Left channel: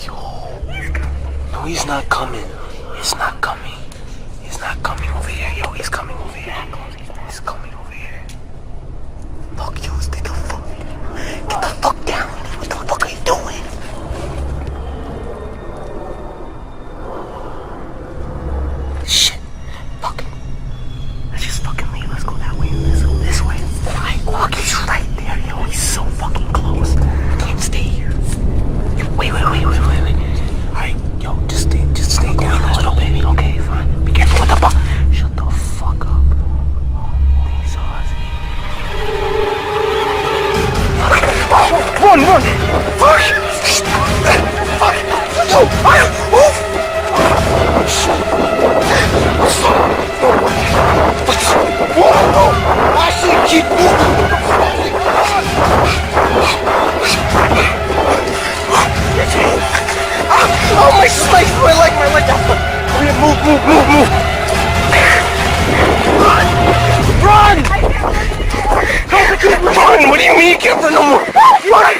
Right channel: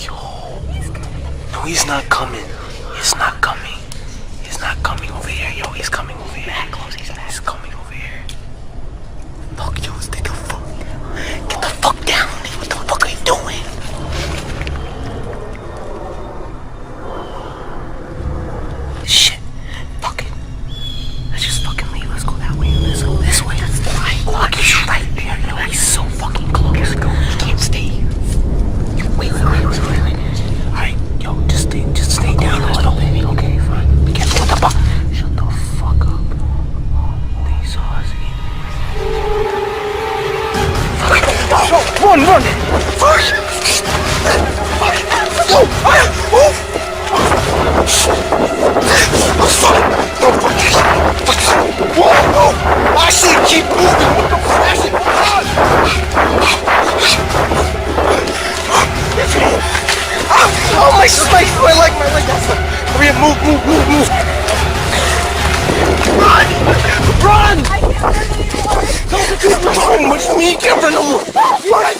Yo. No, he's not coming. He's not coming. He's not coming over here. Yo, he's coming over here. He's coming over here. Fuck, yo, stay the fuck down. Get the fuck down. What the fuck are you doing? Shit. Fuck it. Let's just fucking leave. Let's go that way. Let's go this way. Look, he's right there. Yo, he's so fucking close. He can't stay here. Wait. Alright, yo, just stay down a little bit. Okay, fine. Be careful with the fuck. Shut the fuck up. They saw us. Run! Fuck! Yo! Move! Whoa! Ashley, keep moving! What the fuck? Ashley, oh, my space! My leg! Hurry up, move! Run! Run! What do you mean you can't run no more? Run!